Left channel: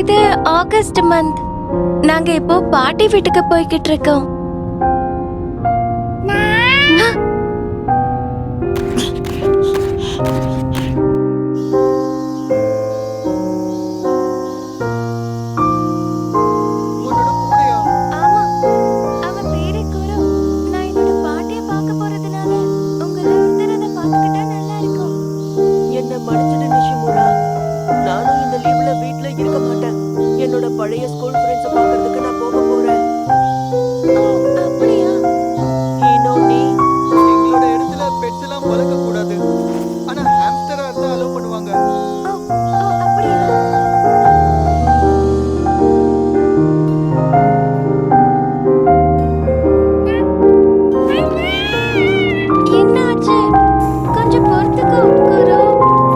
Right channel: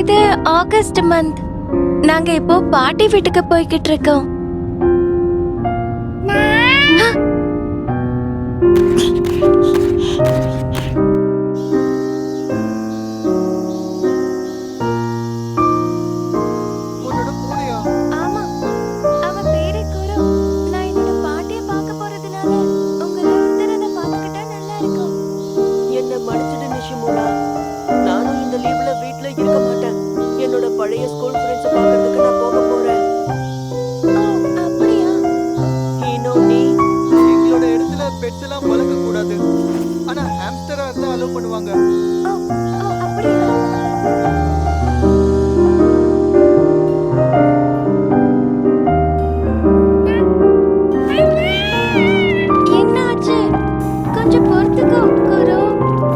இது August month. நாங்க இப்போ பாட்டி வீட்டுக்கு போய்கிட்டு இருக்கோம். உன்னோட பூனையா? ஆமா, அவ பேரு குரு. நான் என்னோட பாட்டிய பார்க்க போறதுனால உங்கள ஒருத்தர் அதை பார்த்துக்கிட்டா நல்லா இருக்கும். என்ன மன்னிச்சிடு நிஷிமுரா, நானும் இந்த லீவ்ல வீட்ல இருக்க மாட்டேன். என்னோட பழைய ஸ்கூல் ஃப்ரெண்ட்ஸை பார்க்கறதுக்கு நான் போக போறேன். ஓ, அப்படியா? இன்னும் நீ எங்களோட இடத்துல பெட்ஸ் எல்லாம் வளர்க்க கூடாது. ஆனா ஹாம்ஸ்டரா இருந்தா அலோவ் பண்ணுவாங்க. ஓ, ஓ, அப்படியா? என்னாச்சு? கொஞ்சம் பொறுத்துக்கோ குரு.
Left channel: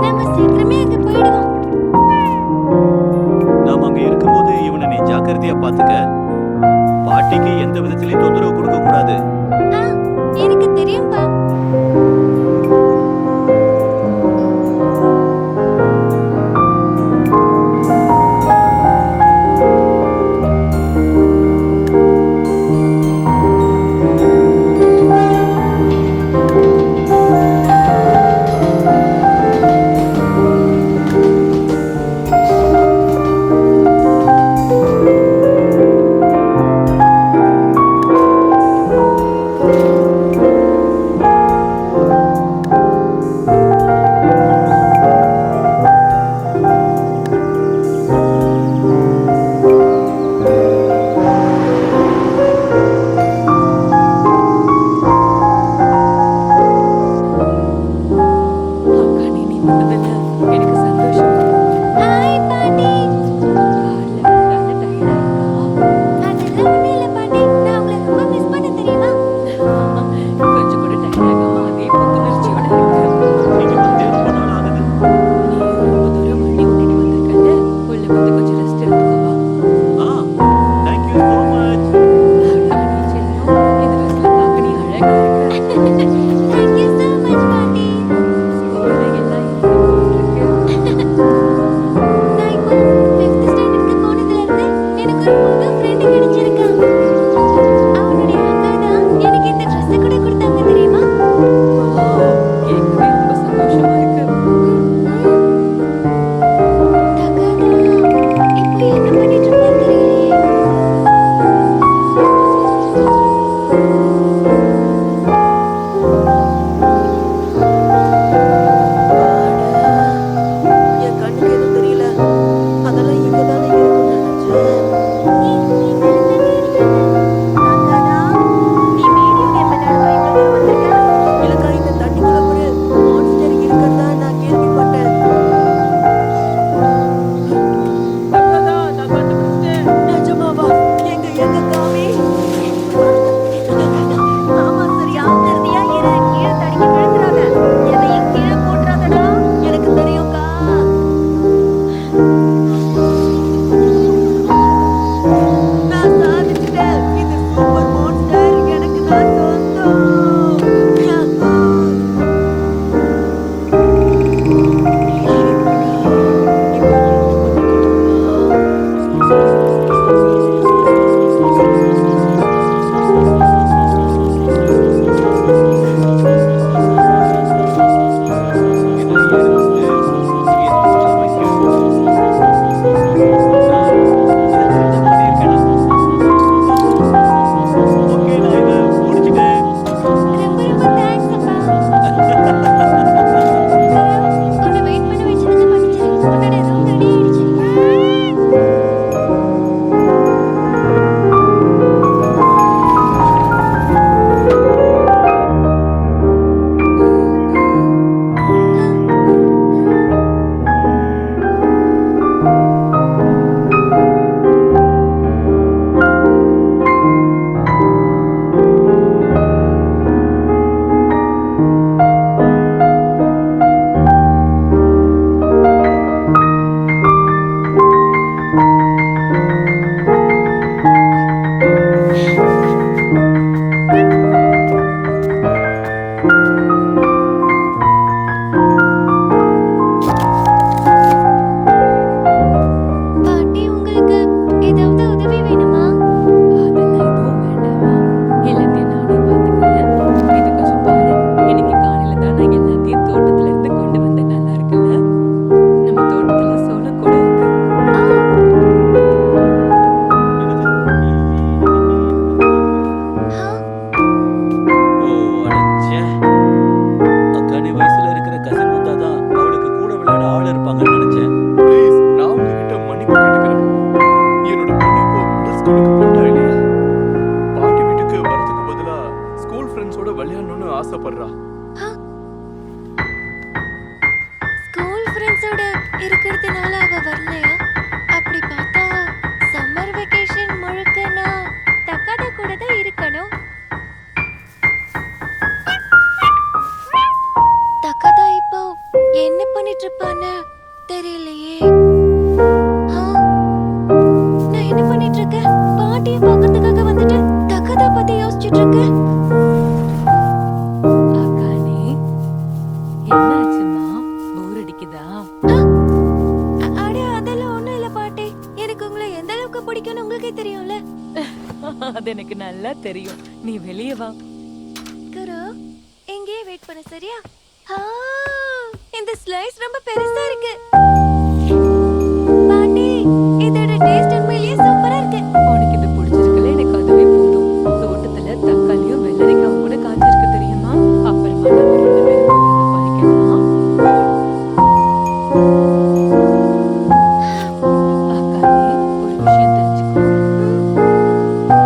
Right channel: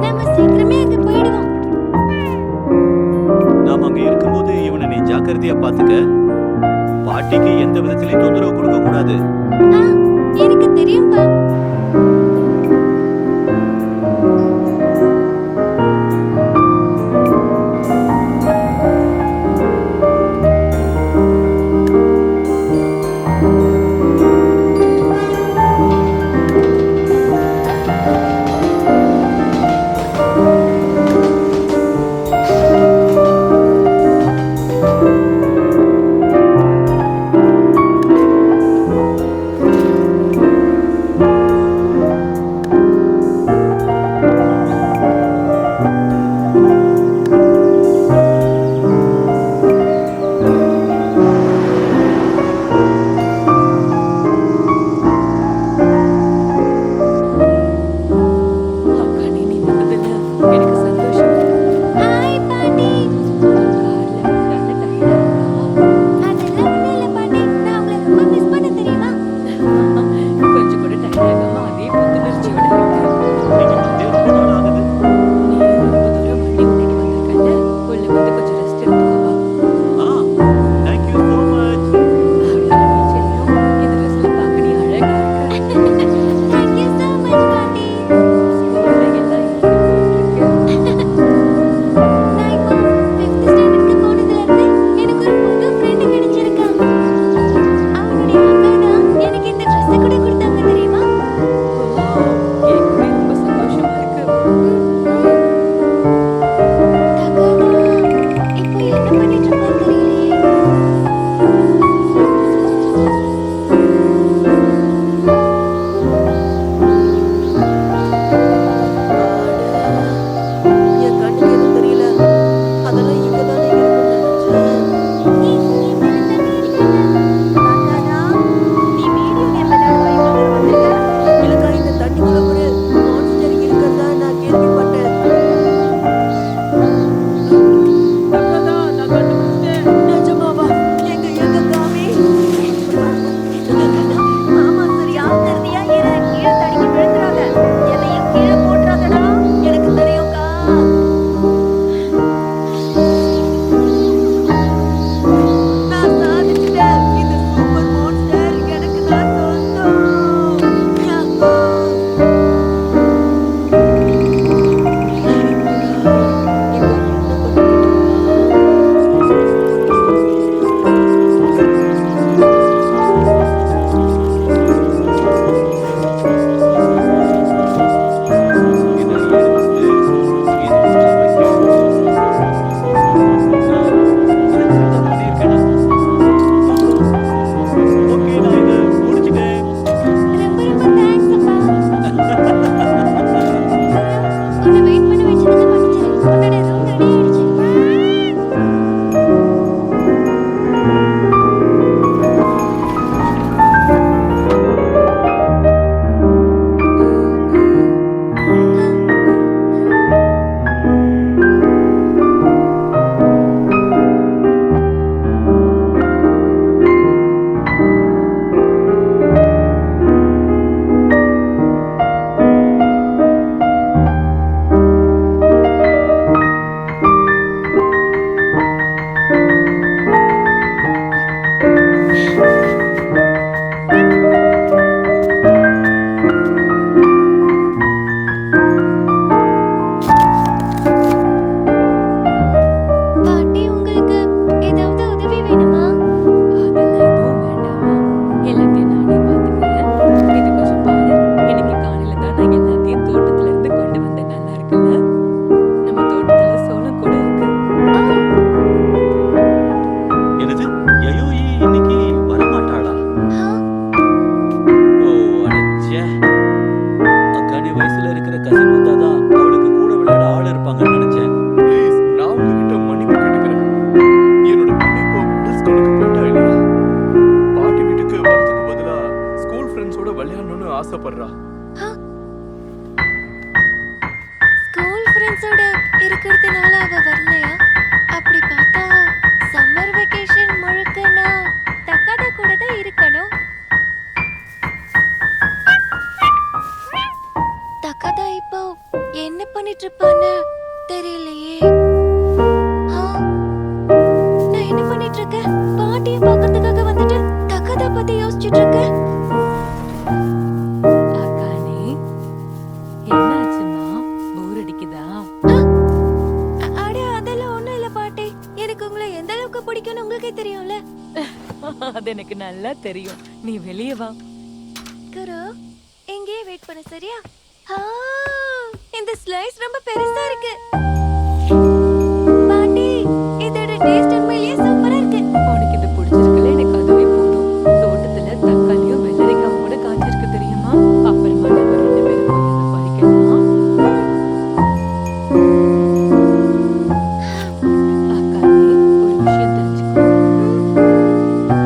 நம்ம சீக்கிரமே அங்க போயிடுவோம். நாம அங்க இருக்கும்போது இவனை நீ ஜாக்கிரதையா பாத்துக்க. பாட்டிக்கு எந்த விதத்திலையும் தொந்தரவு கொடுக்க கூடாது. ஆ, எனக்கு தெரியும்பா. ஆசைப்படுறா. ஸ்கூல் ஃப்ரெண்ட்ஸோட இருக்கிறதுனால அவ வரலையா? அப்படி பார்த்தா சம்மர் வெக்கேஷன் முழுக்க நான் தக்காதா கூட தான் இருக்கணும். தக்காதா இப்போ என்ன பண்ணிட்டு இருப்பான்னு தெரியலையே. ஆ, நான் என்ன பண்ணிட்டு இருக்கேன்? பாட்டியை பார்க்கறதுக்காக வந்துட்டு தக்காதா பத்தி யோசிச்சுட்டு இருக்கேன். அக்கானே, என்னாச்சும்மா? போர் அடிக்குதா? அட அதெல்லாம் ஒண்ணும் இல்ல பாட்டி. எனக்கு உங்களை எந்த அளவுக்கு பிடிக்கும்னு உங்களுக்கே தெரியும்ல. அது எனக்கு நல்லா தெரியும். நீ வெளியே வா. குரு எங்கேயே வெயிட் பண்ண சரியா? ஆ, இந்த ஸ்லைஸ் ரொம்ப பெருசா இருக்கு. பாட்டி இதோட டேஸ்ட் உண்மையிலேயே சூப்பரா இருக்கு. உனக்கு இது பிடிச்சிருக்குல்ல? எனக்கு அதுவே போதும். தோட்டத்துல தக்காளியும் வெள்ளரிக்காவும் கூட காய்ச்சிருக்கு தெரியுமா? அப்புறமா நம்ம 2 பேரும் போய் அதை பறிக்கலாம். அக்கானே, ஒரு விஷயம் தெரிஞ்சுக்கோ.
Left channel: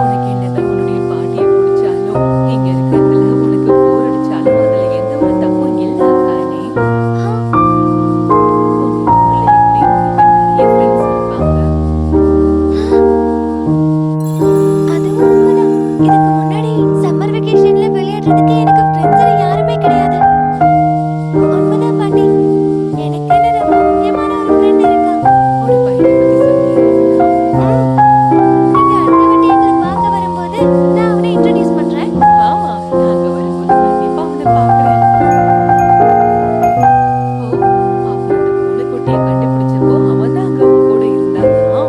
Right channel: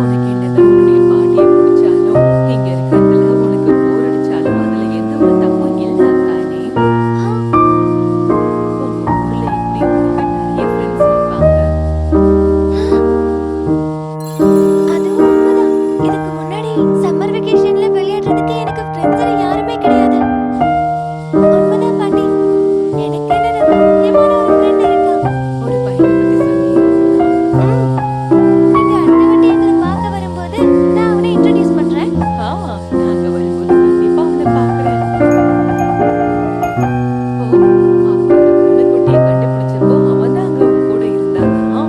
உனக்கு என்னதான் உன்னுடைய பாட்டியை பிடிச்சாலும் இங்க இருக்கிறதுல உனக்கு போர் அடிச்சாலும் அதுல எந்த ஒரு தப்பும் இல்ல அக்கானே. ஆ, உங்க ஊர்ல எப்படி உனக்கு நிறைய ஃப்ரெண்ட்ஸ் இருப்பாங்க. அதுவும் உண்மைதான். இதுக்கு முன்னாடி சம்மர் வெக்கேஷன்ல விளையாடுறதுக்கு எனக்கு ஃப்ரெண்ட்ஸ் யாருமே கிடையாது. உண்மைதான் பாட்டி. எனக்குன்னு ரொம்ப முக்கியமான ஒரு ஃப்ரெண்ட் இருக்கா. ஒரு பையனை பத்தி சொன்னீங்க. நீங்க அடுத்த வாட்டி எங்களை பார்க்க வரும்போது நான் அவனை இன்ட்ரோடியூஸ் பண்றேன். நாங்க வரும்போது கண்டிப்பா அவனை பார்க்கறேன். ஓ, அப்ப அந்த பூனைக்குட்டியை கண்டுபிடிச்சப்போ அவன் தான் அங்க உன் கூட இருந்தானா?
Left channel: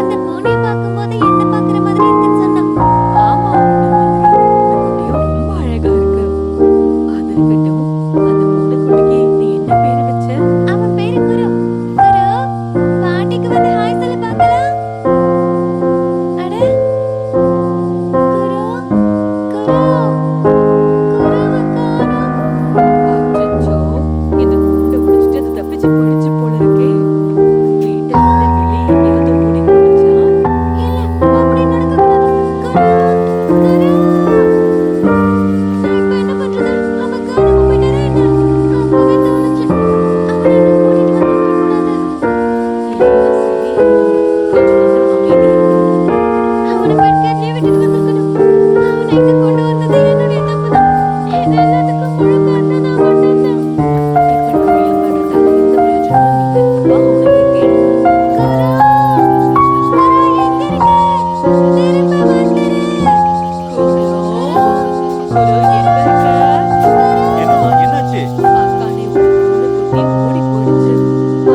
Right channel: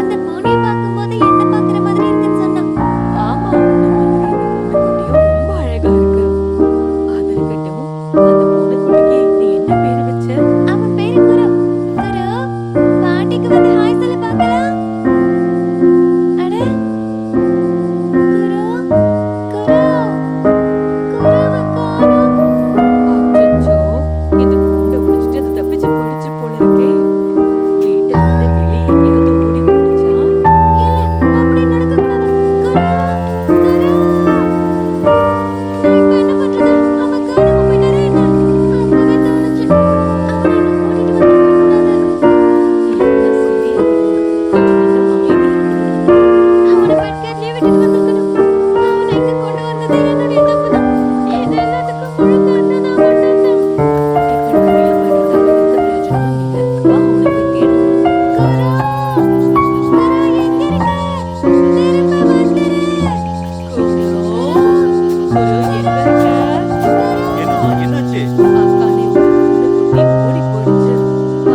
அந்த பூனையை பார்க்கும்போது என்ன பார்க்குற மாதிரி இருக்குன்னு சொன்னான். ஆமா, உன்னை மாதிரி இந்த பூனைக்குட்டியும் ரொம்ப அழகா இருக்கு. அது இருக்கட்டும், அந்த பூனைக்குட்டிக்கு நீ என்ன பேரு வச்ச? அவன் பேரு குரு. குரு பாட்டிக்கு வந்து ஹாய் சொல்ல பார்க்கலாம். அட குரு குரு குருவை காணோம். அச்சச்சோ, இந்த கூண்டை உடைச்சிட்டு அது தப்பிச்சு போயிடுச்சு போல இருக்கே. வீட்டை விட்டு வெளியே எங்கேயாவது ஓடி போயிடுச்சா? இல்ல அப்படி நடக்கக்கூடாது. குரு குரு நான் இப்ப என்ன பண்றது? அவன் காணாம போயிட்டாரே என்ன? அப்பவே தோணுச்சு அவனை இன்னும் கூட்டிட்டு வந்திருக்க கூடாது. எல்லாம் சரியாயிடும். கொஞ்ச நேரம் அமைதியா இரு. அவனை பெட்கார்ட்லயே விட்டுட்டு வந்திருக்கணும். அவனை இங்க கொண்டு வந்தது என்னுடைய தப்புதான். இது எல்லாத்துக்கும் முழு காரணம் நான் மட்டும்தான். இப்ப நம்ம ஃபீல் பண்றதால எந்த பிரயோஜனமும் இல்ல. வா, அவனை போய் தேடுவோம். குரு குரு எங்க இருக்க? திரும்ப வந்துரு. குரு, குரு எங்க இருக்க? என்னம்மா என்னாச்சு? அக்கானே, ஒரு பூனைக்குட்டி ஓடி போயிடுச்சு.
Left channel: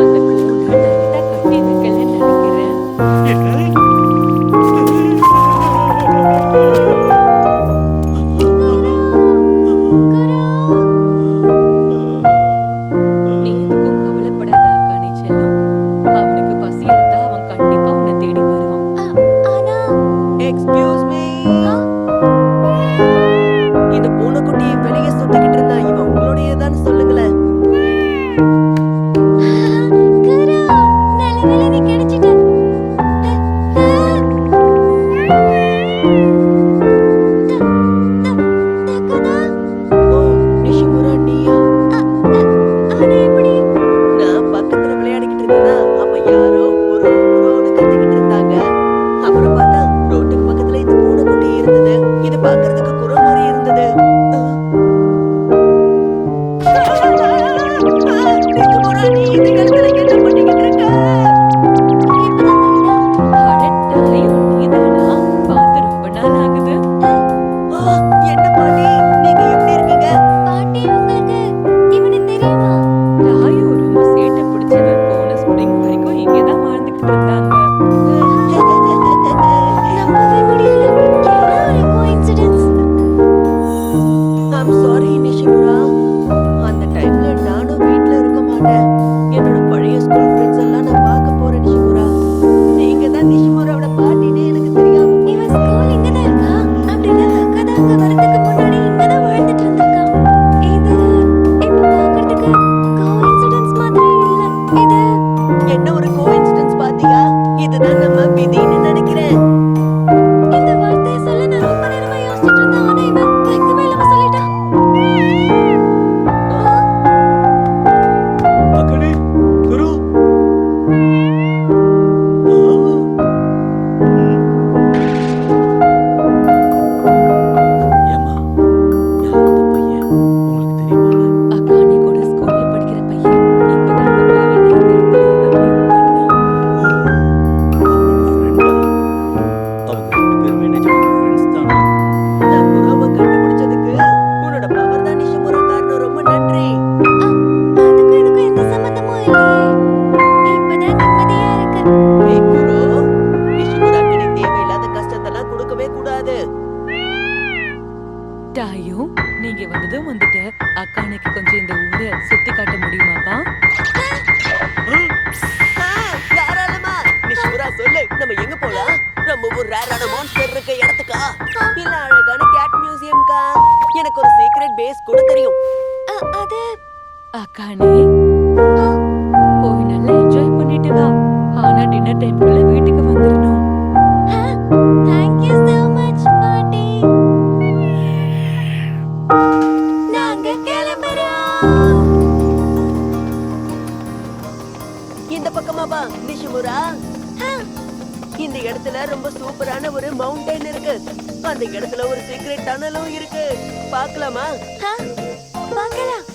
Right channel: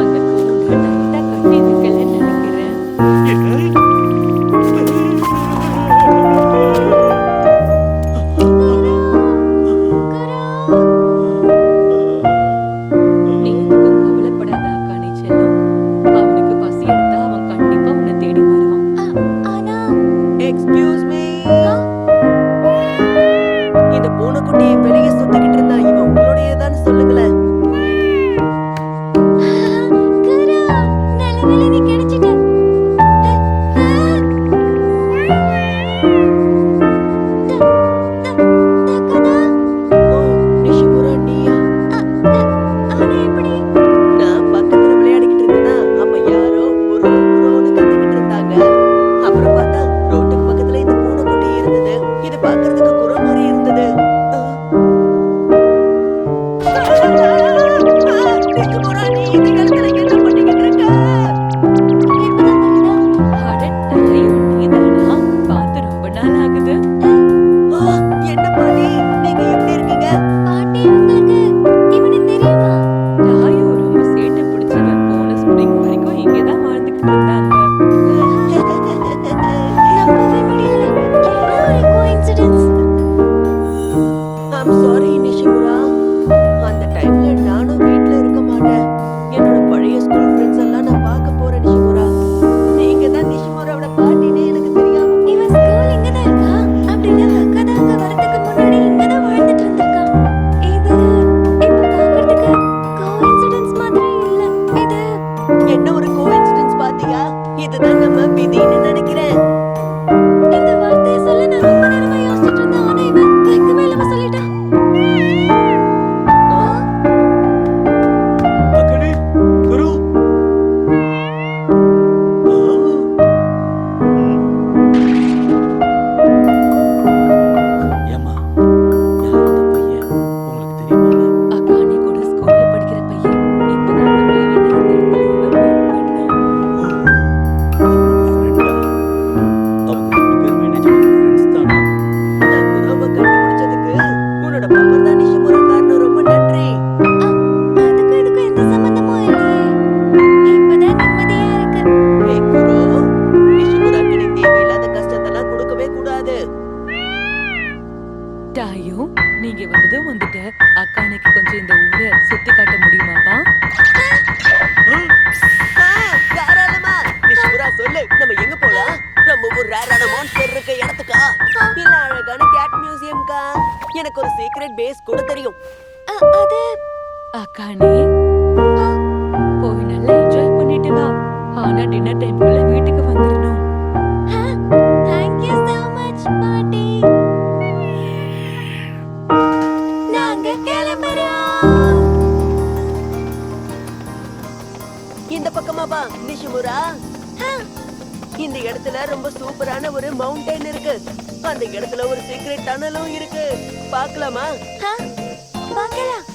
அந்த கூண்டை டைட்டா கட்டி வைக்கலன்னு நினைக்கிறேன். நீ எதுக்கும் கவலைப்படாத அக்கானே செல்லம். அவனுக்கு பசி எடுத்தா அவன் கண்டிப்பா உன்னை தேடி வருவான். ஆனா எக்ஸ்கியூஸ் மீ. ஆ, இந்த பூனைக்குட்டி வெளியே சுத்திக்கிட்டு இருந்தா இவன் உங்களுடையதான்னு சொல்லுங்களேன். குரு நல்ல வேளை நீ கிடைச்சிட்ட. தக்கதா ஓ, நிஷிமுரா நீயா? ஆனா எப்படி? நான் பக்கத்துல விளையாடிக்கிட்டு இருந்தேனா அப்ப யாரோ குரு குருன்னு கத்திக்கிட்டு இருந்தாங்க. அப்புறம் பார்த்தா ரோட்டுக்கு பக்கத்துல இந்த பூனைக்குட்டி இருந்தது. இது பார்க்கிறதுக்கு குரு மாதிரி இருந்தது. நிஷிமுரா, நீ இந்த இடத்துல என்ன பண்ணிக்கிட்டு இருக்க? இப்பதான் தெரியுதா? அட டாயோ, நீதானா? பார்த்து ரொம்ப நாள் ஆகுது. ஆ, என்ன பாட்டி, நீங்க எப்படி இருக்கீங்க? பாட்டி உங்களுக்கு இவனை தெரியுமா? டாயோ ரொம்ப சேட்டை பிடிச்சவன். போன ஸ்ப்ரிங் வரைக்கும் இங்கதான் வாழ்ந்துகிட்டு இருந்தாங்க. நம்பவே முடியல. என்ன ஒரு கோஇன்சிடென்ஸ். I'm sorry நிஷிமுரா. அந்த டைம்ல நானும் வீட்ல இருக்க மாட்டேன். என்னோட பழைய ஸ்கூல் ஃப்ரெண்ட்ஸ் எல்லாம் நான் பார்க்க போறேன் நிஷிமுரா. நீங்க தான் நிஷிமுராவோட பாட்டினே எனக்கு தெரியாம போச்சு. இவன் ஸ்கூல் இங்கதான் இருக்கா? அப்படின்னா தக்கதா அங்க வரதுக்கு முன்னாடி இங்கதான் வாழ்ந்துட்டு இருந்திருக்கா. இது இப்ப பார்க்கிறதுக்கு கோஇன்சிடென்ஸ் மாதிரி இல்ல. இது என்ன ஒரு கோஇன்சிடென்ஸ் பாத்தியா? இதுதான் நம்ம விதின்னு நினைக்கிறேன். இந்த வார்த்தையை சொல்ல நான் ரொம்ப நேரமா யோசிச்சுட்டு இருந்தேன். ஆனா இவன் வைக்கவே இல்லாம சொல்லிட்டு சாயு, நீங்க வந்ததும் வந்துட்ட. அக்கானுக்கு கொஞ்சம் இந்த ஊரை சுத்தி காட்ட முடியுமாப்பா? தாராளமா. நிஷிமுரா சொல்லு, நம்ம எங்க போலாம்? நம்ம ஒரு ரேரான மான்ஸ்டர் இருக்க இடத்துக்கா, இல்ல அழகான கேட் மியூசியம்க்கா? எனக்கு ஒரு சீக்ரெட் பேஸ் கூட தெரியும். அது அக்கானே, போய் நல்லா என்ஜாய் பண்ணிட்டு வா. ஆனா டின்னர் டைம்குள்ள வீட்டுக்கு வந்துடணும். தேங்க்யூ so much பாட்டி. நாங்க கிளம்புறோம். இந்த பக்கமா வா நிஷிமுரா. இந்த இடத்துல ரொம்ப சூப்பரான ஒரு மவுண்டன் இருக்கு. அந்த இடத்துல ஒரு சீக்ரெட் டனலும் இருக்கு. பார்க்கலாமா? பார்க்கலாம்.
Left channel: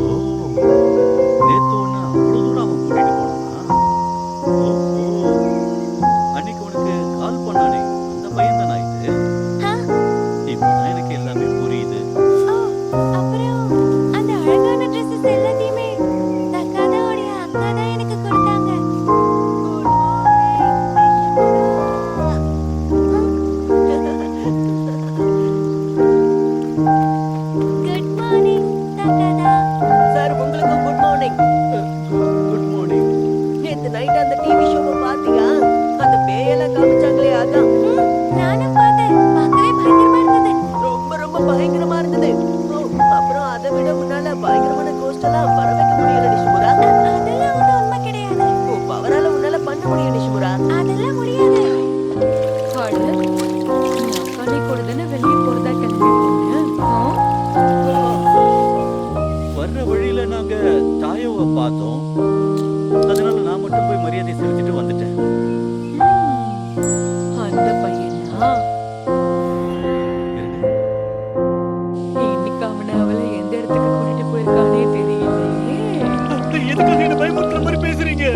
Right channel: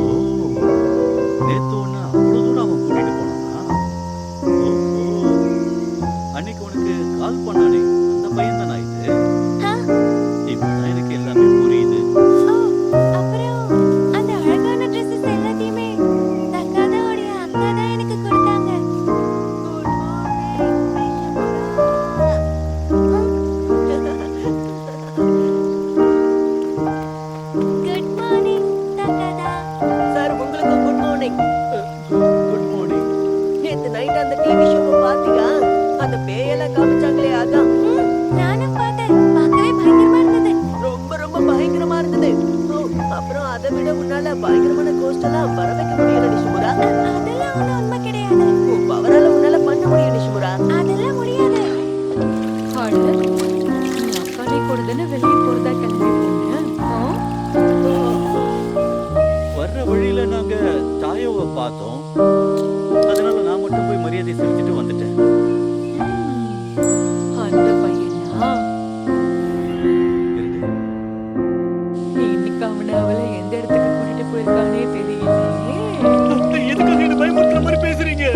ஓ, நேத்து உன்னை அவ்வளவு தூரம் அவன் கூட்டிட்டு போனானா? ஓஹோ, அன்னைக்கு உனக்கு கால் பண்ணானே அந்த பையன் தானா இது? இப்பதான் எனக்கு எல்லாமே புரியுது. ஓ, அப்புறம் அந்த அழகான Dresses எல்லாத்தையுமே தக்காதாவுடைய அக்கா தான் எனக்கு கொடுத்தாங்க. குட் மார்னிங் தக்காதா. சார், உங்களுக்கும் குட் மார்னிங். Good morning. நேத்து நைட் அந்த டிவி ஷோவை பாத்தியா? அந்த பேயெல்லாம் காமிச்சாங்களே, அதான். நானும் பார்த்தேன். பார்க்கவே பயங்கரமா இருந்தது. ரொம்ப ரொம்ப பயங்கரமா இருந்தது. ஓ, அப்புறம் அதை விட உன்னால பயங்கரமான கோஸ்ட் எல்லாம் வர வைக்க முடியல நிஷிமுரா. அதெல்லாம் ஒண்ணும் உண்மை கிடையாது. உன் பவரால உன்னால பண்ண முடியும் நிஷிமுரா. அதெல்லாம் முடியாது. அட, நீ அக்கானே கூட தானே வெளியே போறதா கிளம்பி போன? வர்ற வழியில நாங்க தாயோவை பார்த்தோம். அதனால நான் மட்டும் போய் மரியாதை செலுத்திட்டு வந்துட்டேன். அந்த பையனா? இருந்து இன்னைக்கு அவனை அவளை எந்த இடத்துக்கு கூட்டிட்டு போயிருக்கானே தெரியலையே. எதுக்காக என்ன பயமுறுத்துற மாதிரி பேசுறீங்க?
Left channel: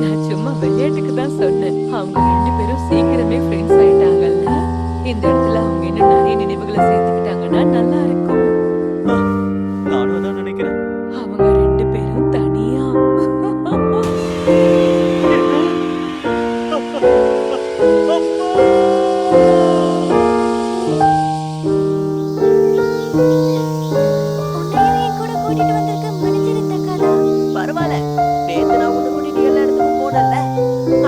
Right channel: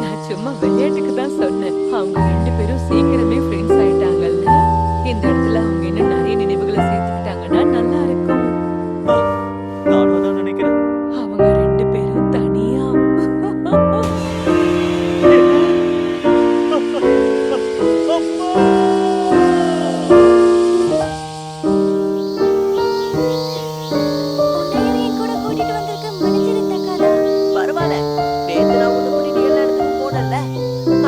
நான் சும்மா விளையாட்டுக்கு தான் சொன்னேன். அவங்க ரெண்டு பேரும் சீக்கிரமே ஃப்ரெண்ட்ஸ் ஆயிட்டாங்கல்ல. இந்த இடத்துல அவங்க இன்னும் நிறைய நினைவுகளை சேர்த்துக்கிட்டாங்கன்னா நல்லா இருக்கும். நானும் அதான் நினைக்கிறேன். அவங்க ரெண்டு பேரும் தனியா. உன்னையும் என் கூட கூட்டிட்டு வந்திருக்க மன்னிச்சிரு தக்காதா. பரவாயில்ல, நேத்து நான் உன்னை கூட்டிட்டு எல்லா இடத்துக்கும் போனேன்ல.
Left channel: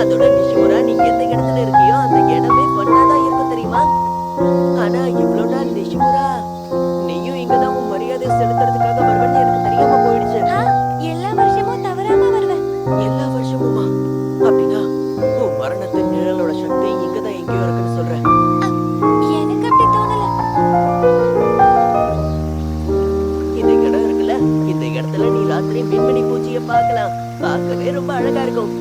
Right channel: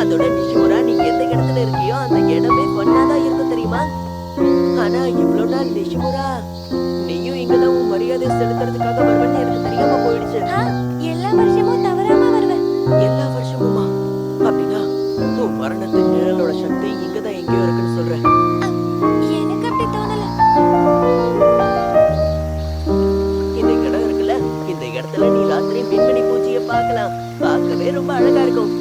அதோட நிஷிமுரா, நீ எந்த இடத்துல இருக்கியோ அந்த இடமே பண்ணாதான் இருக்கும் தெரியுமா? ஆனா இவ்வளவு நாள் நிஷிமுரா, நீயும் இங்கதான் உன் மரியாதை செலுத்துறதுக்காக வருவேன்னு எனக்கு தெரியாம போயிடுச்சு. எல்லா வருஷமும் தவறாம வருவேன். எல்லா வருஷமுமா? அப்படின்னா உன் மரணத்தின் நிழலோட சக்தி இங்கதான் எங்கேயோ இருக்குன்னு சொல்ற. எனக்கு அப்படி தோணல. இந்த இடம் இருக்குல்ல, இந்த இடத்துல நீ ராத்திரி மின்மினி பூச்சிய பார்க்கலாம். பார்க்கவே ரொம்ப அழகா இருக்கும்.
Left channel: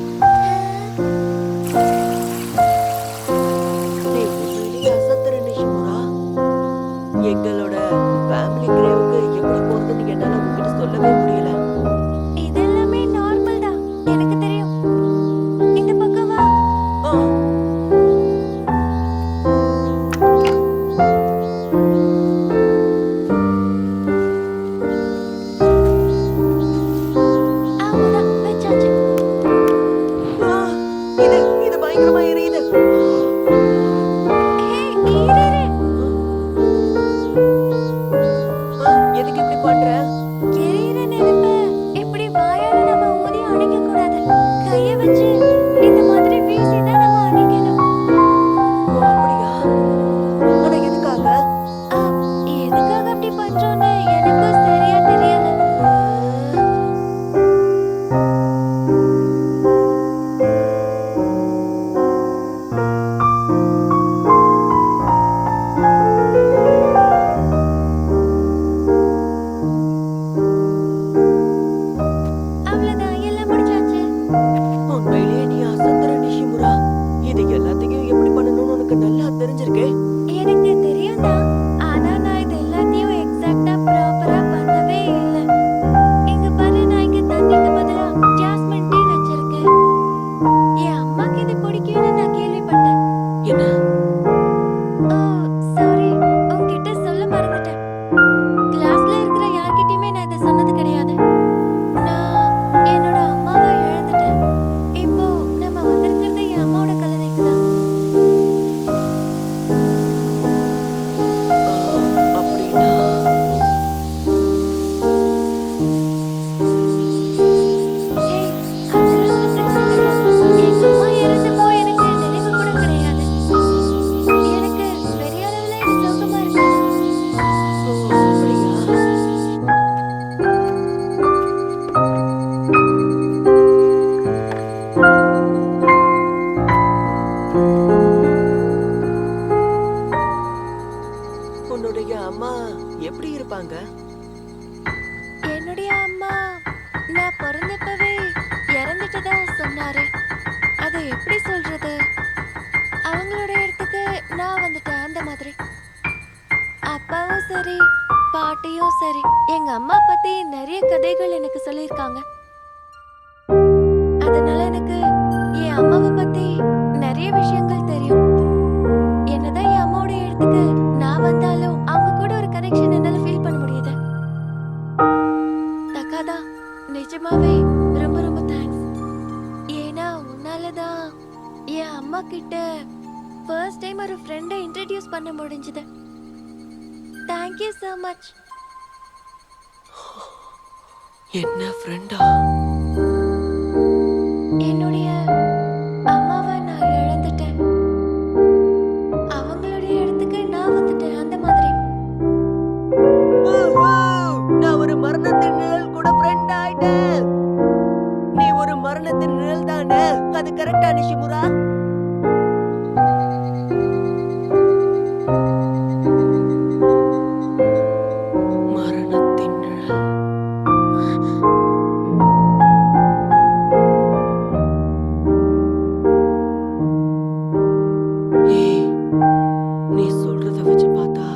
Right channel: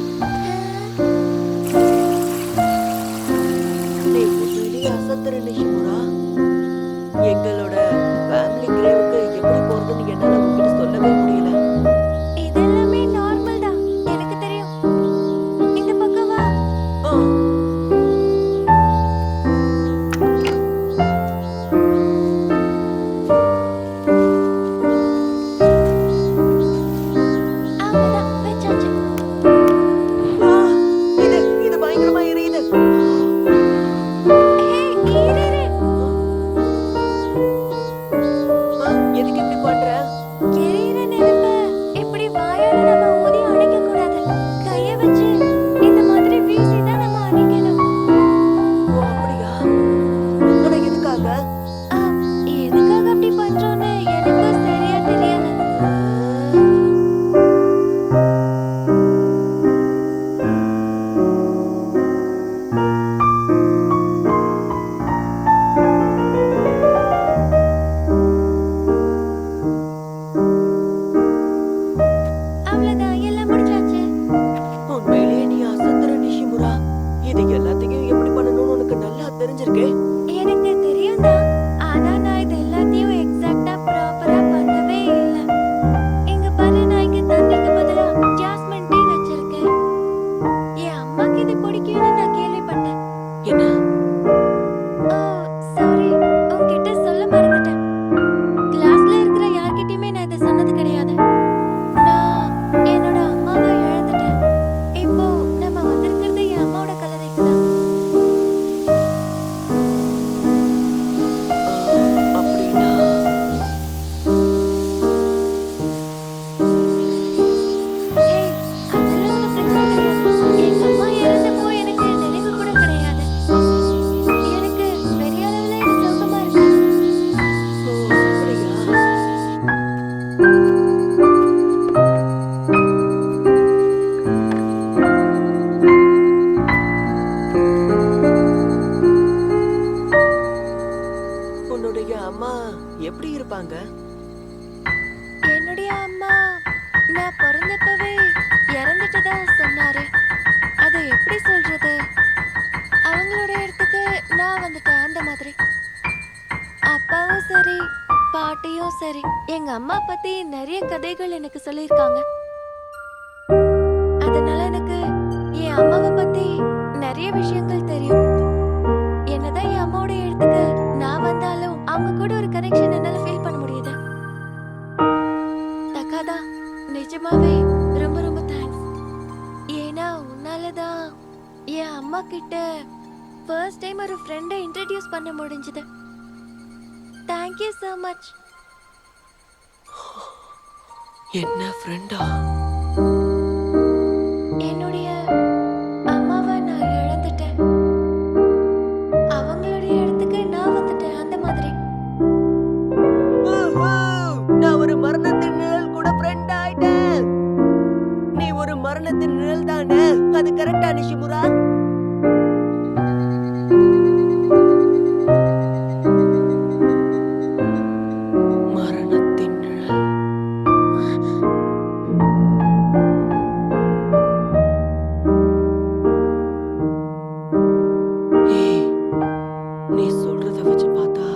நீ உண்மையிலேயே அசத்துற நிஷிமுரா. எங்களோட ஃபேமிலி கிரேவுக்கு எப்படி போறதுன்னு என்னால உங்ககிட்ட சொல்லவே முடியல. இதெல்லாமே நார்மல் தான். எனக்கு தெரியும். இந்த பக்கம் வா. ஆ, அவ்வளவுதான், வச்சாச்சு. ஆ, இது பயங்கரமா எரியுது. ஹே, இரு. ஆ, எதுக்கு இப்படி பண்ற? எரியிற நெருப்ப உன்னுடைய அம்மா எப்படி இருப்பாங்க? என்னுடைய அம்மா நான் பிறந்தப்பவே இறந்துட்டதா சொன்னாரு. அதை எப்படி சொல்றது? அவங்களோட இடத்துக்கு நான் வந்துட்டேன், அந்த மாதிரி. அப்பாவும் சரி பாட்டியும் சரி எங்க அம்மா பத்தி நிறைய கதைகள் எனக்கு சொல்லியிருக்காங்க. அதனால எனக்கு என் அம்மாவை பத்தி நிறைய விஷயங்கள் தெரியும். என்னதான் என் அம்மாவோட இடத்துக்கு நான் வந்தாலும் அவங்க கூட ஒரு கனெக்ஷன் என்னால ஃபீல் பண்ண முடியுது. தக்காதா, நிஜமாவே ரொம்ப ரொம்ப தேங்க்ஸ். ஏன்னா உன்னாலதான் என் அம்மா கிட்ட ஃபர்ஸ்ட் டைம் ஒரு ஃப்ரெண்டை இன்ட்ரடியூஸ் பண்ண முடிஞ்சது. Thank you so much. என்ன ஃப்ரெண்டா? என்னுடைய அம்மாவை நான் இழந்துட்டேன். அவங்களுடைய இடத்துக்கு நான் வந்துட்டேன், அந்த மாதிரி. நான் ஒரு மரணத்தின் நிழல் கூட ஃப்ரெண்ட் ஆயிட்டேன். நீ ஒரு மரணத்தின் நிழல் தானே? அது கரெக்டா நிஷிமுரா? மரணத்தின் நிழல். ஏய், நீ சொல்றத வச்சு பார்த்தா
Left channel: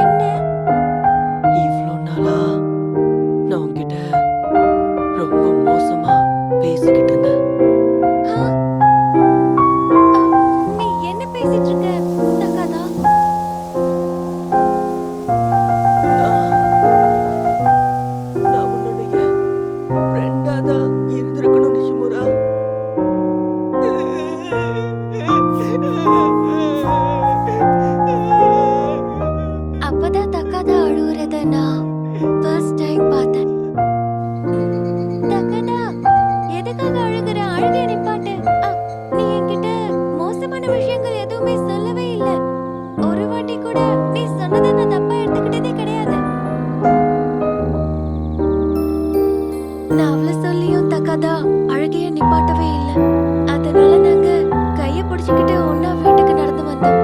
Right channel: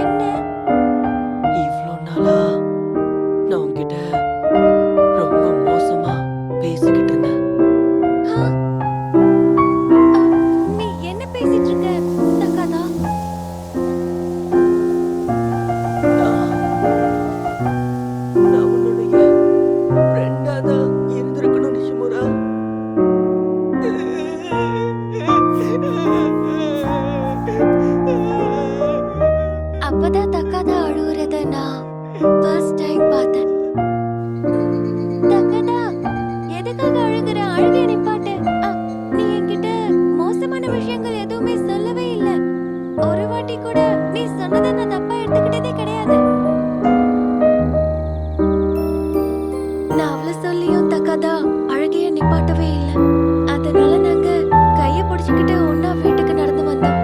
என்ன? இவ்ளோ நாளா நான் உன்கிட்ட ரொம்ப மோசமா பேசிக்கிட்டு இருந்தேன். ஆ? நீ என்ன பேசிட்டு இருக்க தக்காதா? நான் உன்னுடைய ஃப்ரெண்டா தான் இருந்திருக்கணும் நிஷிமுரா. அப்பதான் தக்காதா அழுவுறத நான் ஃபர்ஸ்ட் டைம் பார்த்தேன். தக்காதா, எதுக்காக அழுகுற? அழுகைய நிப்பாட்டு. நீ என்கிட்ட மோசமான விஷயங்கள் எதுவுமே சொல்லவே இல்ல. ஒரு வாட்டி கூட நீ சொன்னதை நான் தப்பா எடுத்துக்கிட்டதே கிடையாது. நான் அவ்வளவு சொல்லியும் தக்காதா அழுகைய நிப்பாட்டவே இல்ல. அதனால நாங்க கைய பிடிச்சுக்கிட்டு ஒன்னா வீட்டுக்கு நடந்து வந்தோம்.